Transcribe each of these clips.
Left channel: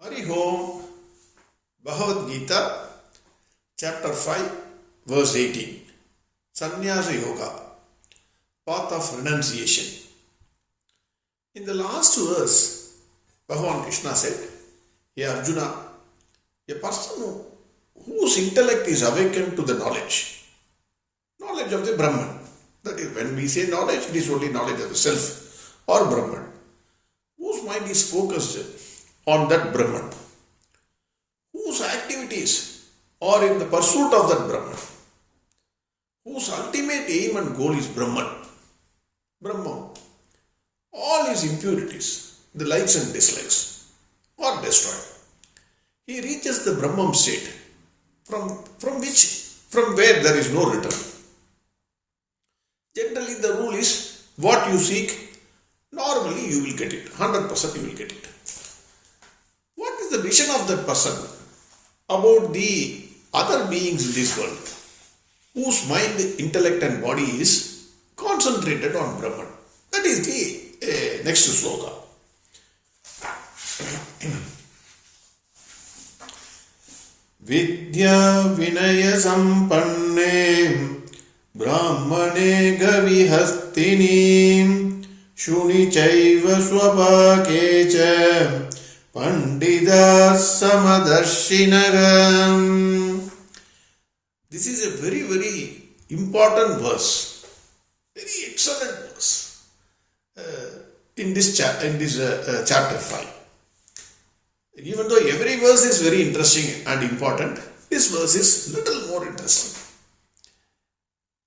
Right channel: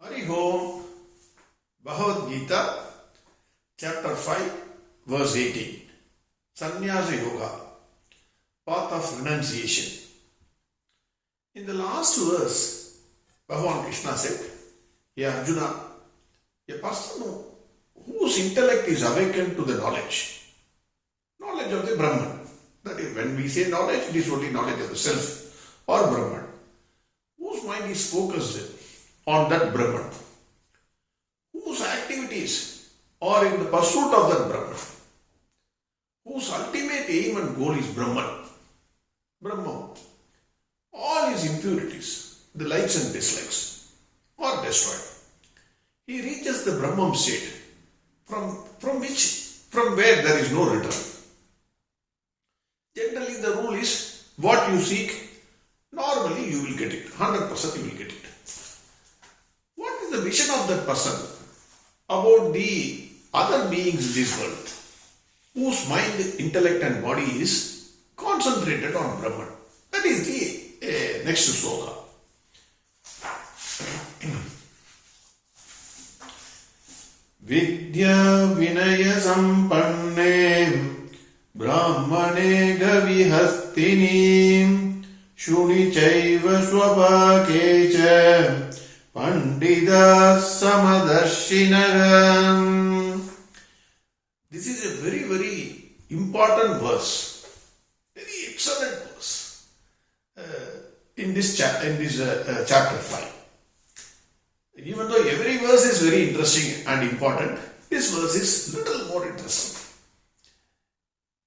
Hari Om, Bhagavad Gita, Chapter 5, Verse 18. Sannyasa Yoga, Path of Renunciation. In the last verse, Bhagavan Krishna said, "Hey Arjuna, a person whose intellect is awakened to the knowledge of the Brahman." That is, when we say knowledge, it is only knowledge of the self or Brahman. Whose mind is focused on that Brahman, whose activities are in the pursuit of that Brahman, whose ultimate aim and goal is Brahman. All his impurities, the likes and dislikes, are destroyed. He reaches the Brahman state from where there is no return. Generally, the rule is what you seek, normally you will get it. 100% you will get it. What is the vision of that person about the other beings in this world, whose mind, intellect and body is concentrated on Brahman? That is the next sloka. Vidya Vinaya Sampanne Brahmane Gavihastini Shuni Chaiva Swapakecha Pandita Samadarshinaram. This is a very, very important verse, very excellent verse in this chapter 5. Even though every verse is very interesting and important, this verse is little more interesting.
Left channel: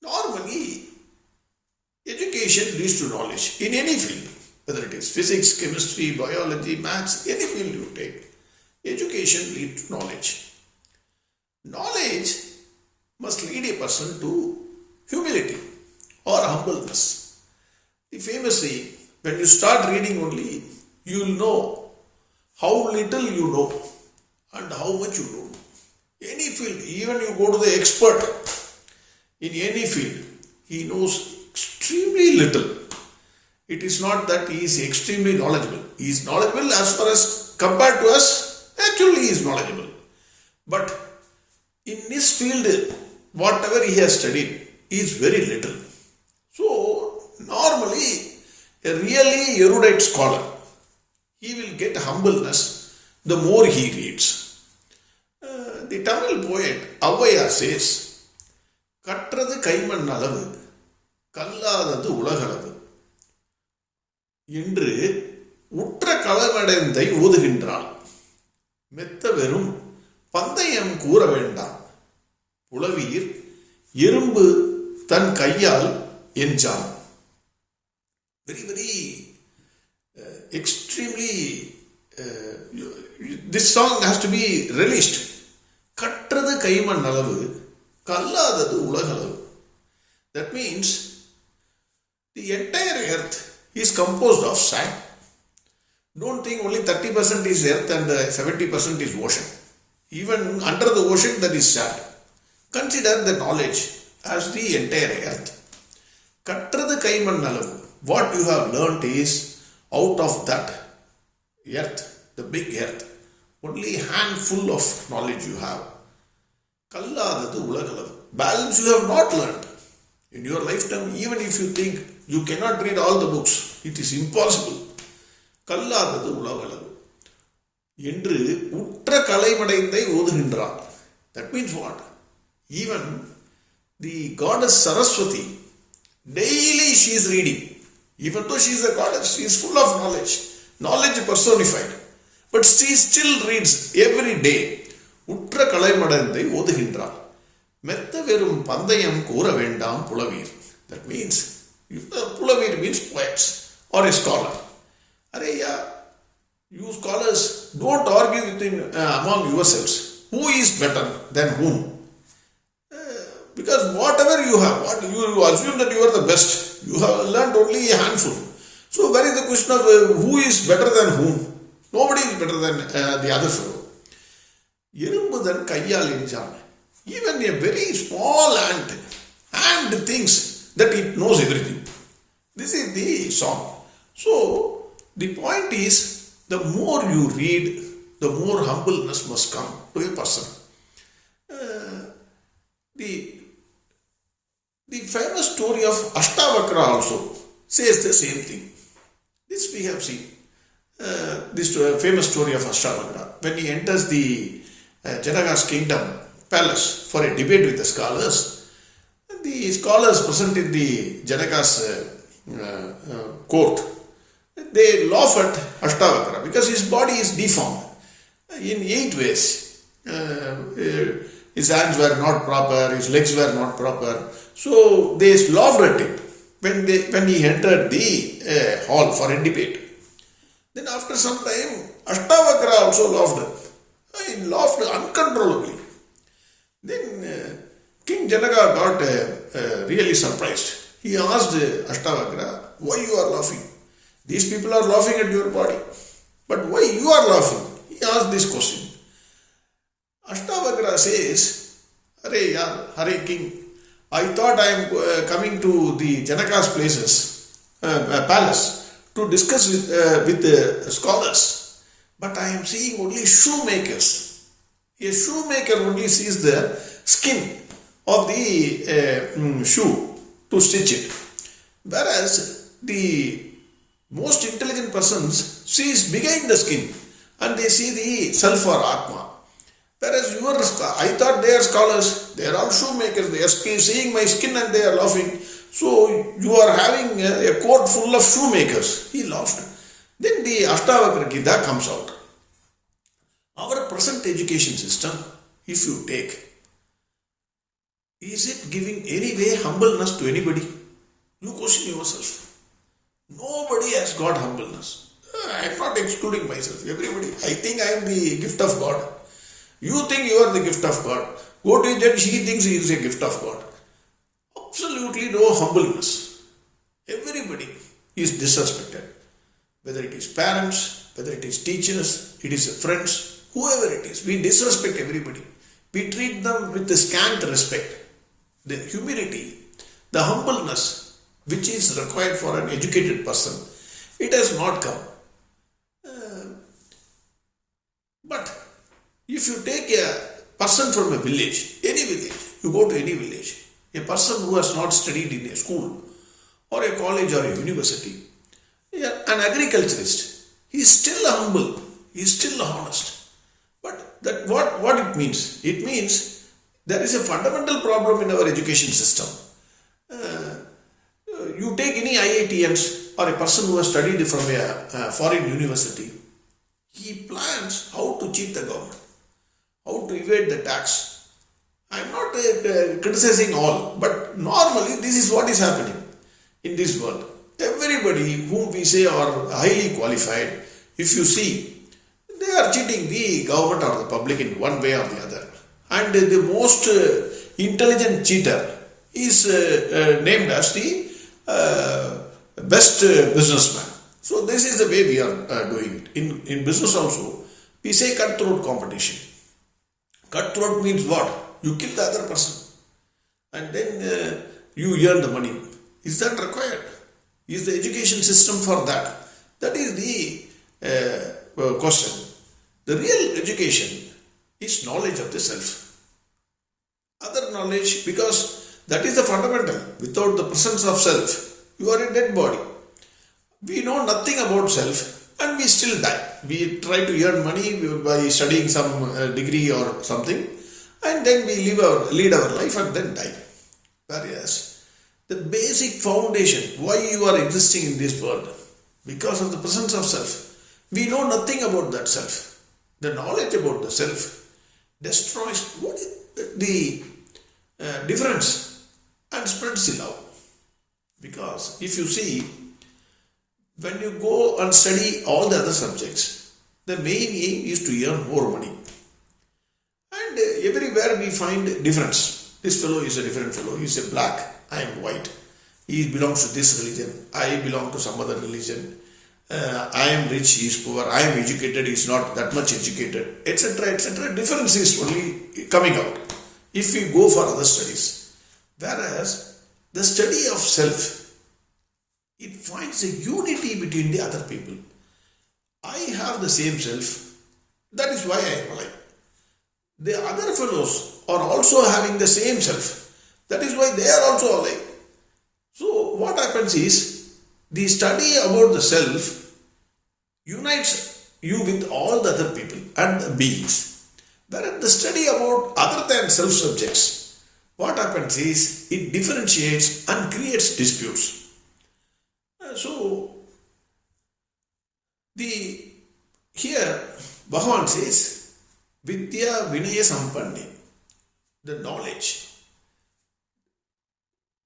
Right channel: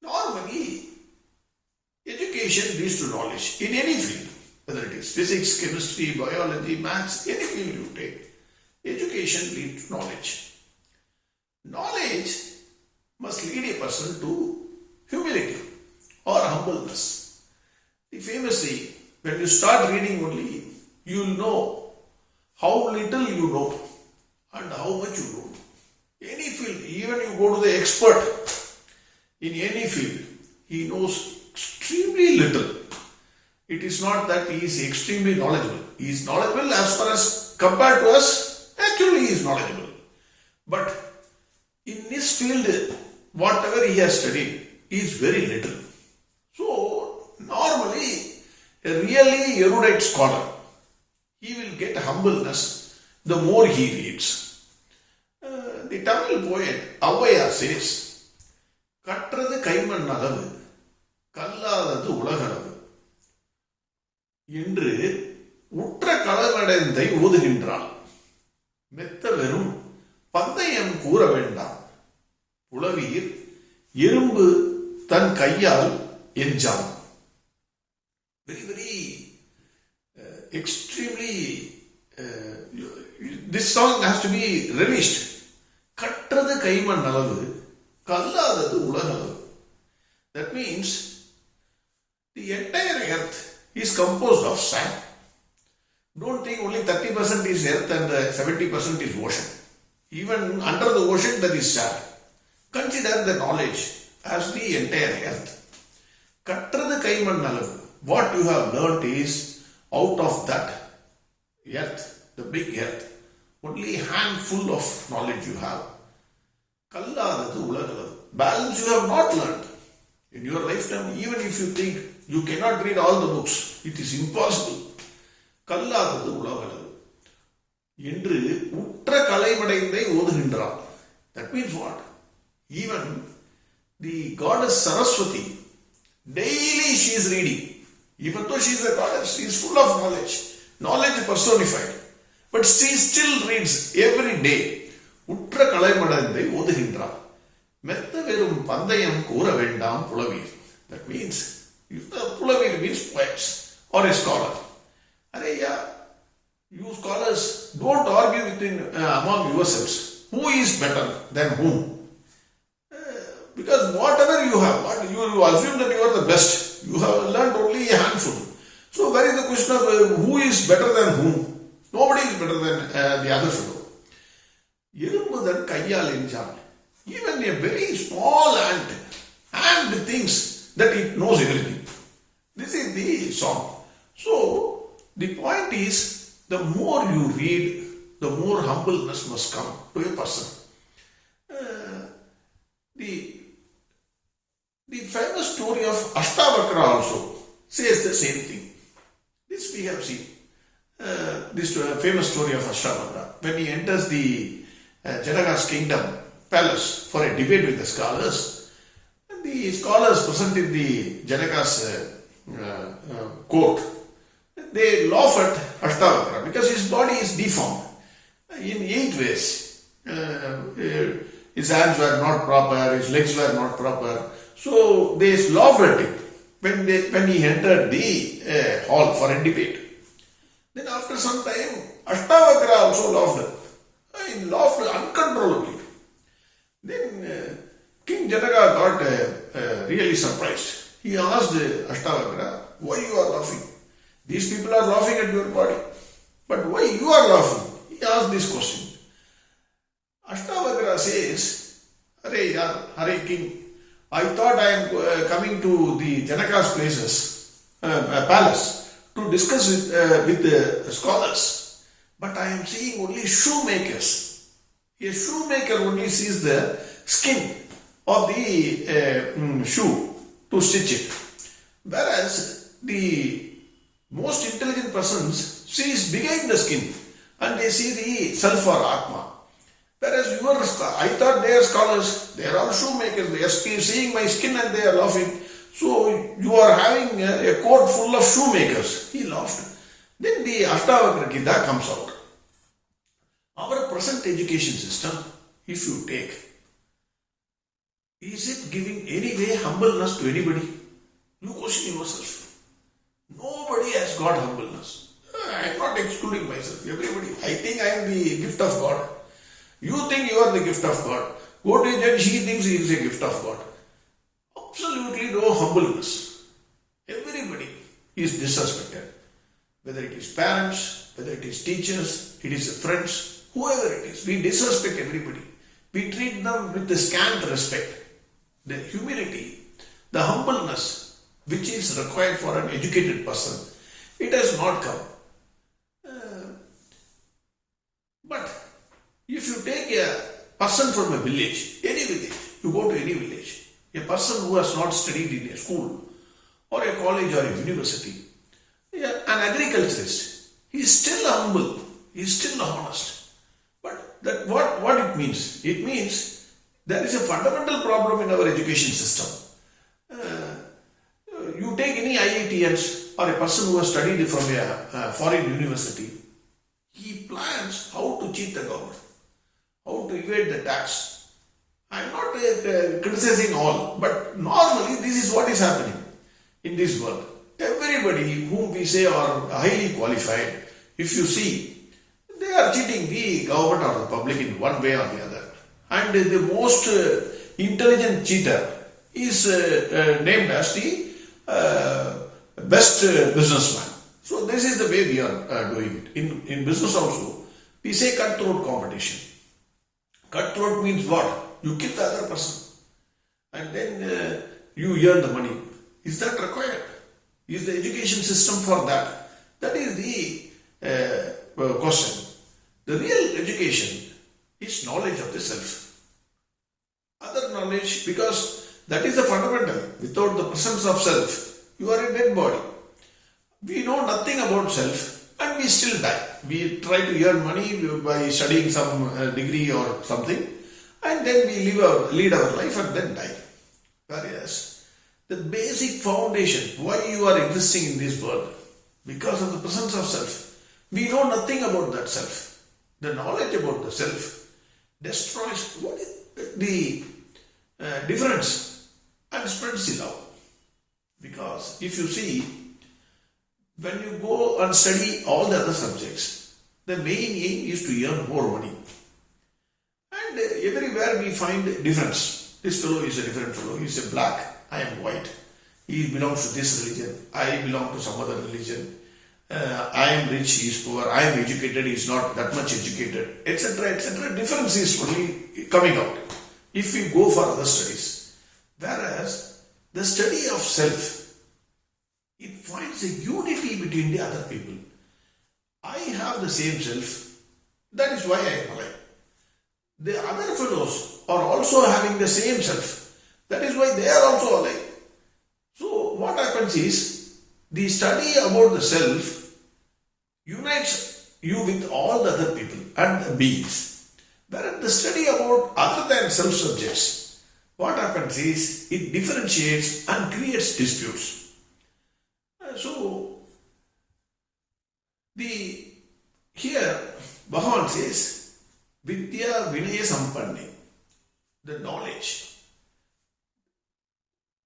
Normally, education leads to knowledge in any field, whether it is physics, chemistry, biology, maths, any field you take. Education leads to knowledge. Knowledge must lead a person to humility or humbleness. Famously, when you start reading only, you will know how little you know and how much you know. Any field, even you go to the expert in any field, he knows extremely little. It is not that he is extremely knowledgeable. He is knowledgeable as far as compared to us, actually he is knowledgeable. But in this field, whatever he has studied is very little. So, normally, a really erudite scholar, he will get humbleness the more he reads. The Tamil poet Avaya says, "Katrathu kaiman alavu, kalladadu ulagalavu." என்று உற்ற களமடைந்தை ஓதுகின்றாள். மெத்த வெறும் பந்தயம் கூற வேண்டாம், புலவீர் எறும்பு தன் கையால் எஞ்சான். Very, very extremely, this song has to be relished. கற்றது கைமண் அளவு, கல்லாதது உலகளவு. That means the entire earth is composed of sand. Don't think only 30% is earth and 70% is ocean. Even under the ocean there is sand. Consider the knowledge as the entire earth. Katrathu kaiman alavu. What you have learnt is out of that earth, the big earth, only a handful of knowledge you have. Kalladadu ulagalavu. Balance you have not learnt. In your lifetime, even if you think you cannot read all the books, it is impossible. Kalladadu ulagalavu. என்று உற்ற கலைமடைந்தை ஓதுகின்றார். That means what? Even the goddess Saraswati, daily she is reading. Even though she is the goddess, she is full of knowledge personified. But she still reads every day. உற்ற கலைமடைந்தை ஓதுகின்றார். மெத்த வெறும் பந்தயம் கூற வேண்டாம் புலவீர். That means, புலவீர் means poets or a scholar. You scholars, don't argue among yourselves. Who is better than whom? Because whatever you have, you assume that you are the best. You have learned only a handful. So where is the question of who is better than whom? Nobody is better than the other fellow. எறும்பு தன் கையால் எஞ்சான். Even a very small ant thinks that it knows everything. This is the song. So, the point is, the more you read, the more humbleness must come to a person. The famous story of Ashtavakra also says the same thing. This we have seen. This famous story of Ashtavakra. When he enters the Janaka's kingdom palace for a debate with the scholars present in the Janaka's court, they laugh at Ashtavakra because his body is deformed in 8 ways. His hands were not proper, his legs were not proper. So they laughed at him when he entered the hall for a debate. Then after some time, Ashtavakra also laughed. He laughed uncontrollably. Then King Janaka got really surprised. He asked Ashtavakra, why you are laughing? These people are laughing at your body. But why you are laughing? He asked this question. Ashtavakra says, Hare King, I thought I am coming to the Janaka's palace to discuss with the scholars. But I am seeing only shoemakers. A shoemaker only sees the skin of the shoe to stitch it. Whereas the most intelligent persons sees behind the skin and they see the self or Atma. Whereas I thought they are scholars, they are all shoemakers, they are seeing my skin and they are laughing. So you are having a court full of shoemakers. He laughed. Then the Ashtavakra Gita comes out. Our present education system, if you take, is it giving any way humbleness to anybody? You question yourself. Nobody has got humbleness. I am not excluding myself. Everybody. I think I am the gift of God. You think you are the gift of God. Go to a judge, he thinks he is a gift of God. Absolutely no humbleness. Everybody is disrespected. Whether it is parents, whether it is teachers, it is friends, whoever it is. We disrespect everybody. We treat them with the scant respect. The humility, the humbleness which is required for an educated person, it has not come. But if you take a person from a village, any village, you go to any village, a person who has not studied in a school or a college or a university, an agriculturist, he is still humble, he is still honest. But that what it means? It means there is a fundamental problem in our education system. You take any IITians or a person who has studied from a foreign university, he plans how to cheat the government, how to evade the tax. I am not criticizing all, but normally this is what is happening in this world. Everybody whom we say are highly qualified, if you see, they are cheating the government or the public in one way or the other. And the most intelligent cheater is named as the best businessman. So this is the way we are doing it. In business also, we say cutthroat competition. Cutthroat means what? You kill the other person and then you earn the money. Is that required? Is the education system for that? That is the question. The real education is knowledge of the self. Other knowledge, because that is the fundamental. Without the presence of self, you are a dead body. We know nothing about self and we still die. We try to earn money by studying some degree or something, and then we lead our life and then die. Whereas the basic foundation, why you are existing in this world, because of the presence of self. We know nothing about that self. The knowledge about the self destroys what is the difference and spreads the love. Because if you see, when you go and study all the other subjects, the main aim is to earn more money. And everywhere we find difference. This fellow is a different fellow. He is a black, I am white. He belongs to this religion. I belong to some other religion. I am rich, he is poor. I am educated, he is not that much educated, etc. etc. Difference is only coming out if we go for other studies. Whereas the study of self, it finds a unity between the other people. I have the same self, That is why I am alive. The other fellows are also having the same self. That is why they are also alive. So what happens is, the study about the self unites you with all the other people and the beings. Whereas the study about other than self subjects, what happens is, it differentiates and creates disputes. So here Bhagavan says, Vidya Vinaya Sampanne, the knowledge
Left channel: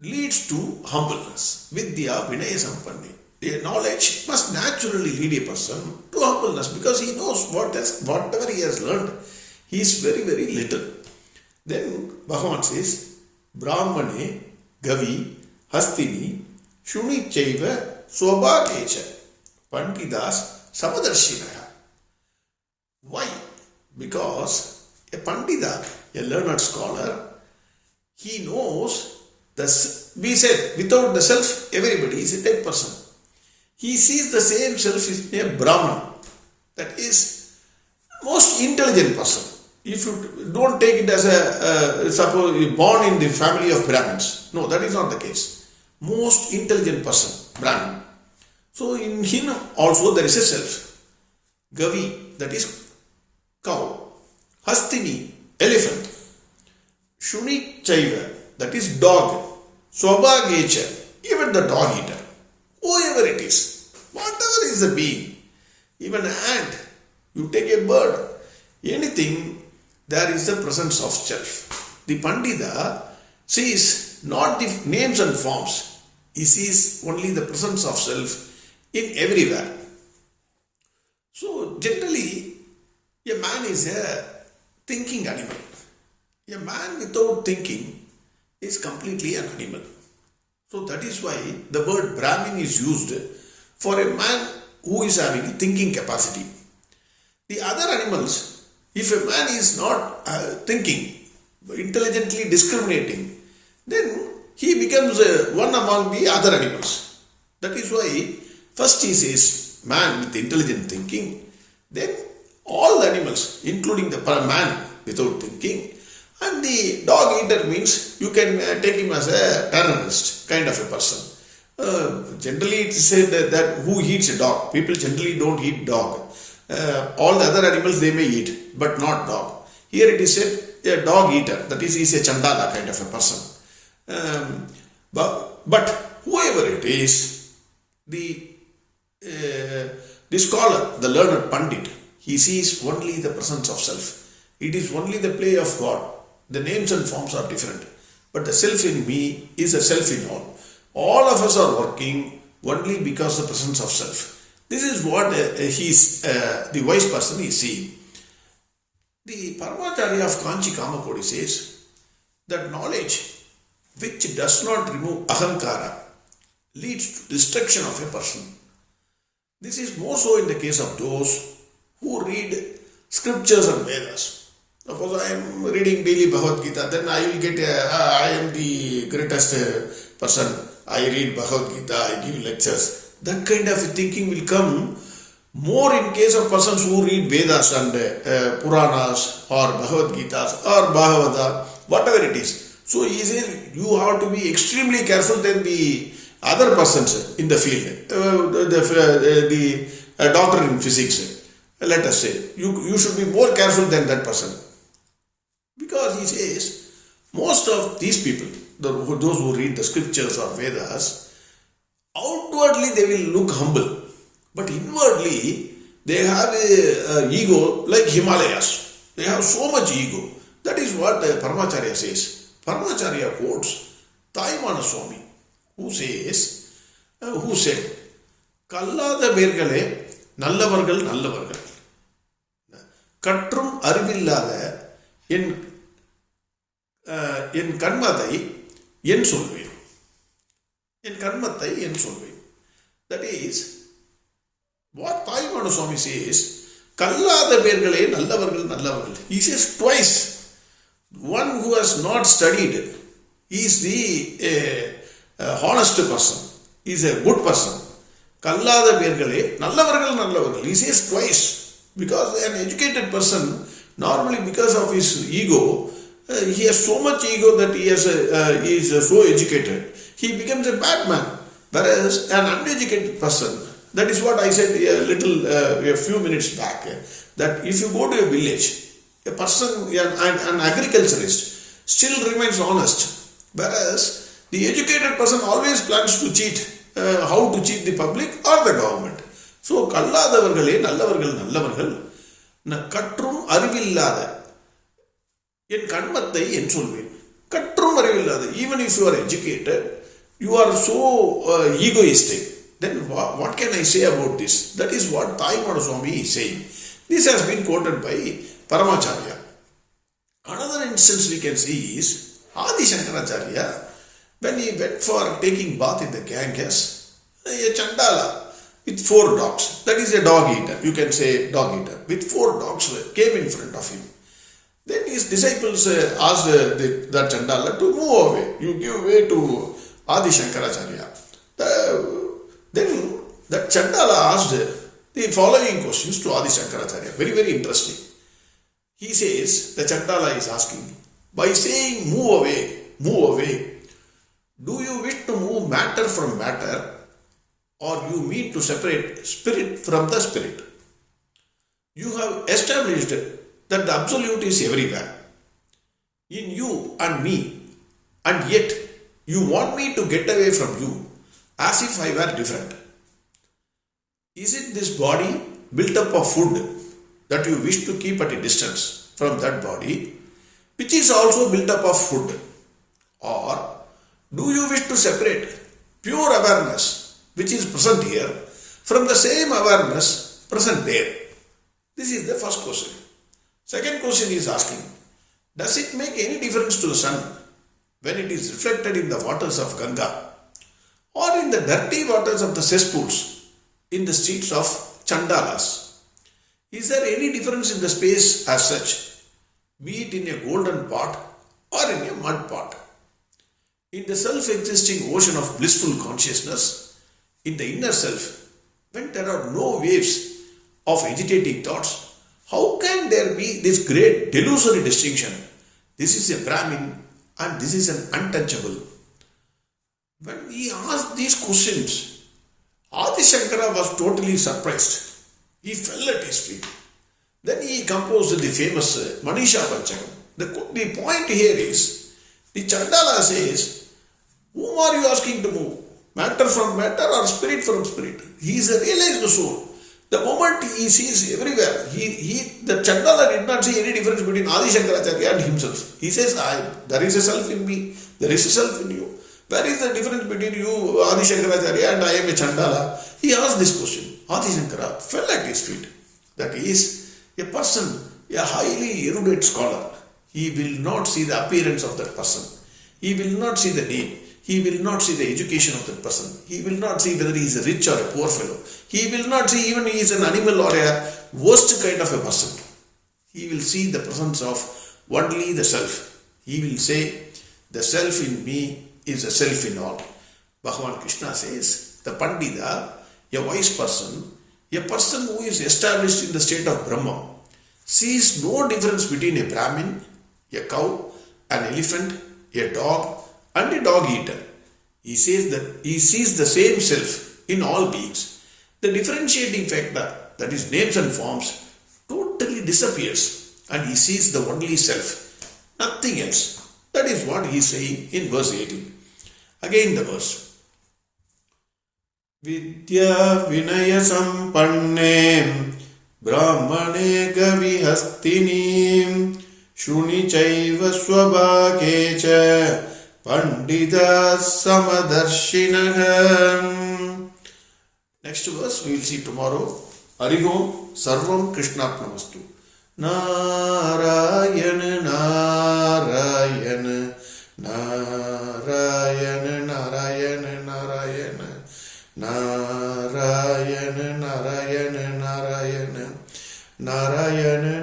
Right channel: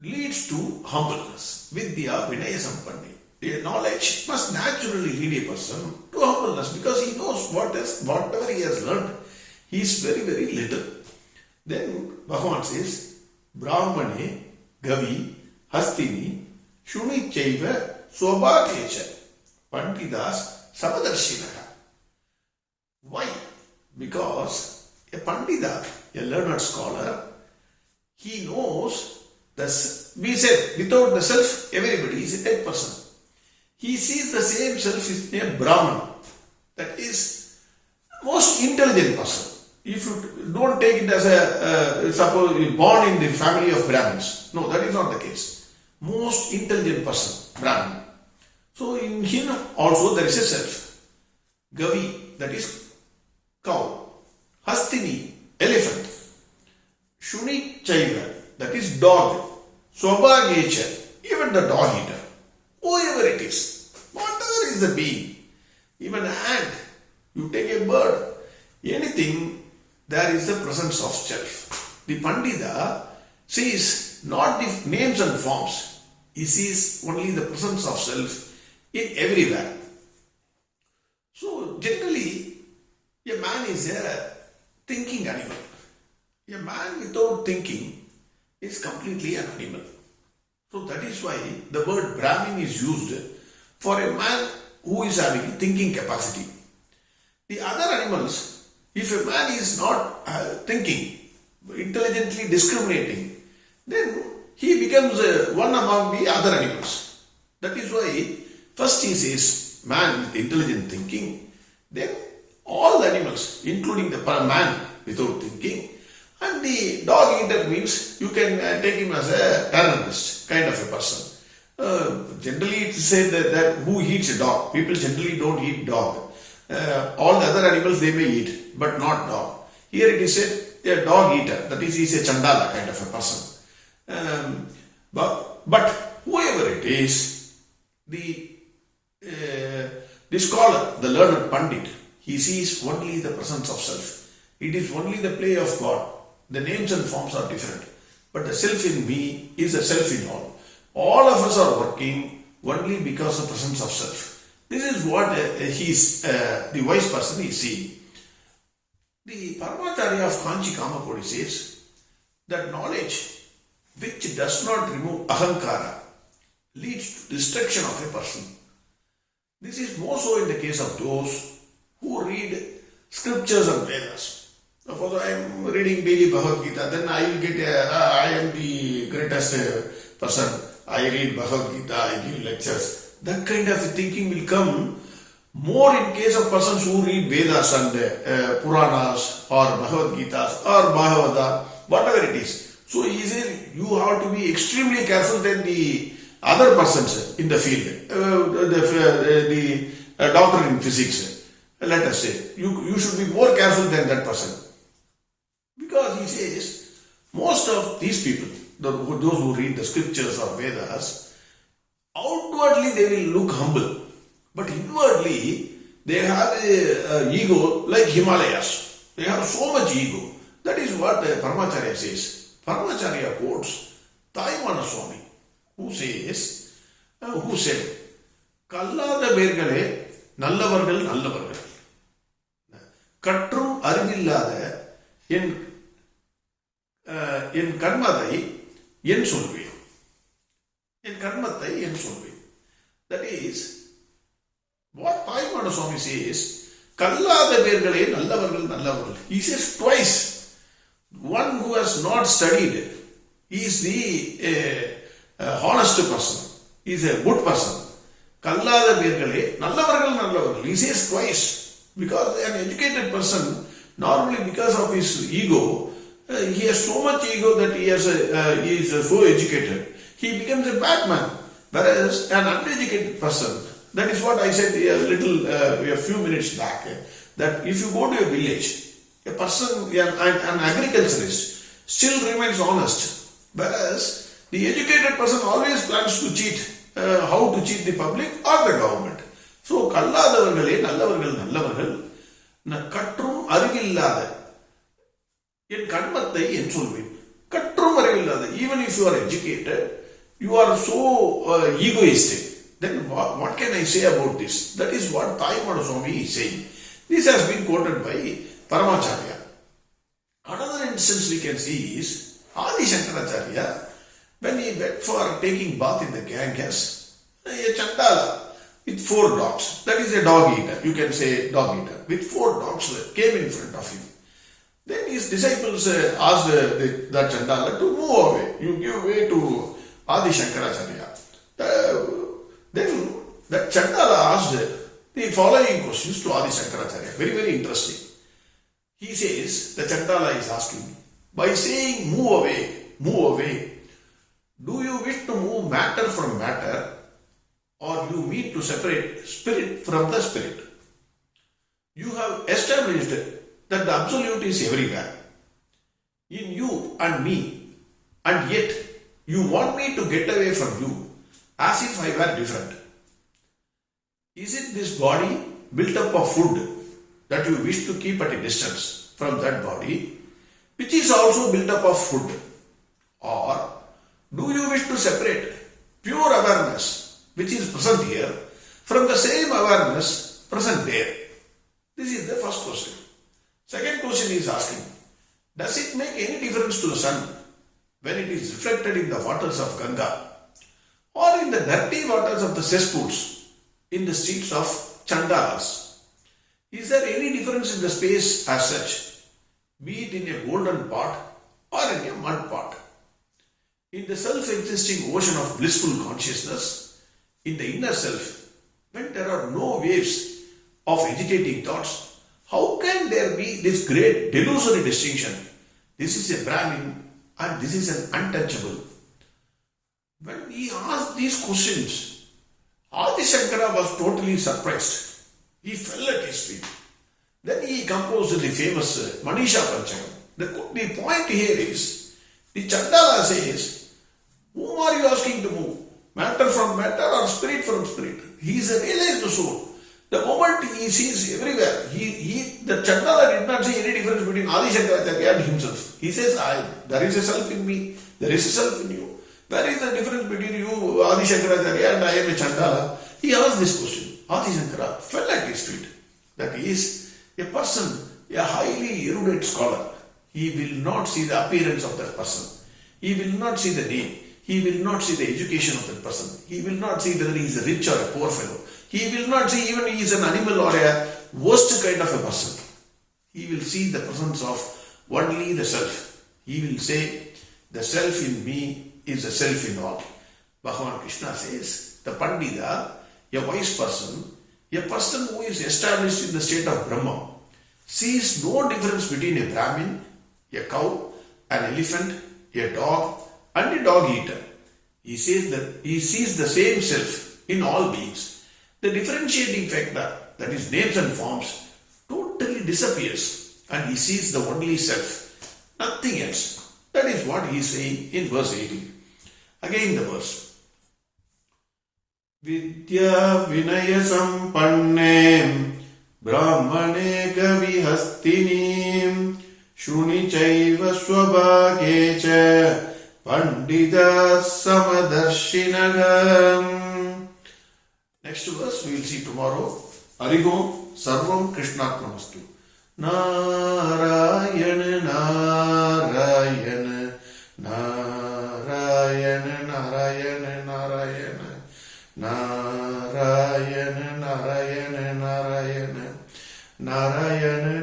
leads to humbleness. Vidya Vinaya Sampanne. The knowledge must naturally lead a person to humbleness, because he knows whatever he has learned, he is very, very little. Then Bhagavan says, Brahmane, Gavi, Hastini, Shuni Chaiva, Swabhagecha, Panditas, Samadarshinaha. Why? Because a Pandita, a learned scholar, he knows, we said, without the self, everybody is a dead person. He sees the same self in a Brahman, that is most intelligent person. If you don't take it as suppose you born in the family of Brahmins, no, that is not the case. Most intelligent person, Brahman. So in him also there is a self. Gavi, that is cow. Hastini, elephant. Shuni Chaiva, that is dog. Swabhagecha, even the dog eater. Whoever it is, whatever is the being, even an ant, you take a bird, anything, there is the presence of self. The Pandita sees not the names and forms, he sees only the presence of self in everywhere. So generally, a man is a thinking animal. A man without thinking is completely an animal. So that is why the word Brahmin is used for a man who is having a thinking capacity. The other animals, if a man is not thinking, intelligently discriminating, then he becomes one among the other animals. That is why first he says man with intelligent thinking, then all the animals, including the man without thinking, and the dog eater means you can take him as a terrorist kind of a person. Generally it is said that who eats a dog? People generally don't eat dog. All the other animals they may eat, but not dog. Here it is said a dog eater, that is, he is a chandala kind of a person. But whoever it is, the scholar, the learned Pandit, he sees only the presence of self. It is only the play of God. The names and forms are different, but the self in me is a self in all. All of us are working only because of the presence of self. This is what the wise person is seeing. The Paramacharya of Kanchi Kamakodi says that knowledge which does not remove ahankara leads to destruction of a person. This is more so in the case of those who read scriptures and Vedas. Suppose I am reading daily Bhagavad Gita, then I will get I am the greatest person. I read Bhagavad Gita, I give lectures. That kind of thinking will come more in case of persons who read Vedas and Puranas or Bhagavad Gita or Bhagavata, whatever it is. So he says you have to be extremely careful than the other persons in the field. The doctor in physics, let us say, you should be more careful than that person. Because he says, most of these people, those who read the scriptures or Vedas, outwardly they will look humble, but inwardly they have a ego like Himalayas. They have so much ego. That is what Paramacharya says. Paramacharya quotes Taimana Swami, who said, Kallada Bergale, Nallavargal Nallavargal. Katrum Arivillada என் கர்மத்தை என் சொல்வேன். என் கர்மத்தை என் சொல்வேன். That is what Taimana Swami says, கல்லாத பேர்களே நல்லவர்கள் நல்லவர்கள். He says twice. One who has not studied is the honest person, is a good person. கல்லாத பேர்களே நல்லவர்கள் நல்லவர்கள். He says twice. Because an educated person, normally because of his ego, he has so much ego that he is so educated, he becomes a bad man. Whereas an uneducated person, that is what I said a few minutes back, that if you go to a village, a person, an agriculturist, still remains honest. Whereas the educated person always plans to cheat, how to cheat the public or the government. So, கல்லாதவர்களே நல்லவர்கள் நல்லவர்கள் கற்றும் அறிவில்லாத என் கண்மத்தை என் சொல்வேன். கற்றும் அறிவில்லாத, even if you are educated, you are so egoistic. Then what can I say about this? That is what Taimada Swami is saying. This has been quoted by Paramacharya. Another instance we can see is Adi Shankaracharya, when he went for taking bath in the Ganges, a Chandala with 4 dogs, that is a dog eater, you can say dog eater, with 4 dogs came in front of him. Then his disciples asked that Chandala to move away. You give way to Adi Shankaracharya. Then that Chandala asked the following questions to Adi Shankaracharya. Very, very interesting. He says, the Chandala is asking, by saying move away, do you wish to move matter from matter, or you mean to separate spirit from the spirit? You have established that the absolute is everywhere, in you and me, and yet you want me to get away from you as if I were different. Is it this body built up of food that you wish to keep at a distance from that body, which is also built up of food? Or do you wish to separate pure awareness, which is present here, from the same awareness present there? This is the first question. Second question is asking, does it make any difference to the sun when it is reflected in the waters of Ganga, or in the dirty waters of the cesspools in the streets of Chandalas? Is there any difference in the space as such, be it in a golden pot or in a mud pot? In the self-existing ocean of blissful consciousness, in the inner self, when there are no waves of agitating thoughts, how can there be this great delusory distinction? This is a Brahmin and this is an untouchable. When he asked these questions, Adi Shankara was totally surprised. He fell at his feet. Then he composed the famous Manisha Panchakam. The point here is, the Chandala says, whom are you asking to move? Matter from matter or spirit from spirit? He is a realized soul. The moment he sees everywhere, the Chandala did not see any difference between Adi Shankaracharya and himself. He says, there is a self in me, there is a self in you. Where is the difference between you, Adi Shankaracharya, and I am a Chandala? He asked this question. Adi Shankara fell at his feet. That is, a person, a highly erudite scholar, he will not see the appearance of that person. He will not see the name. He will not see the education of that person. He will not see whether he is a rich or a poor fellow. He will not see even he is an animal or a worst kind of a person. He will see the presence of only the self. He will say, the self in me is a self in all. Bhagavan Krishna says, the Pandita, a wise person, a person who is established in the state of Brahma, sees no difference between a Brahmin, a cow, an elephant, a dog, and a dog eater. He says that he sees the same self in all beings. The differentiating factor, that is names and forms, totally disappears and he sees the only self, nothing else. That is what he is saying in verse 18. Again the verse. Vidya Vinaya Sampannem Brahmane Gavihasthinim Shuni Chaiva Swabhagecha Pandita Samadarshinagham. Next verse we will see tomorrow. Harigom Sarvam Krishnarpnamastu. Narayana Narayana Narayana Narayana Narayana Narayana Narayana Narayana Narayana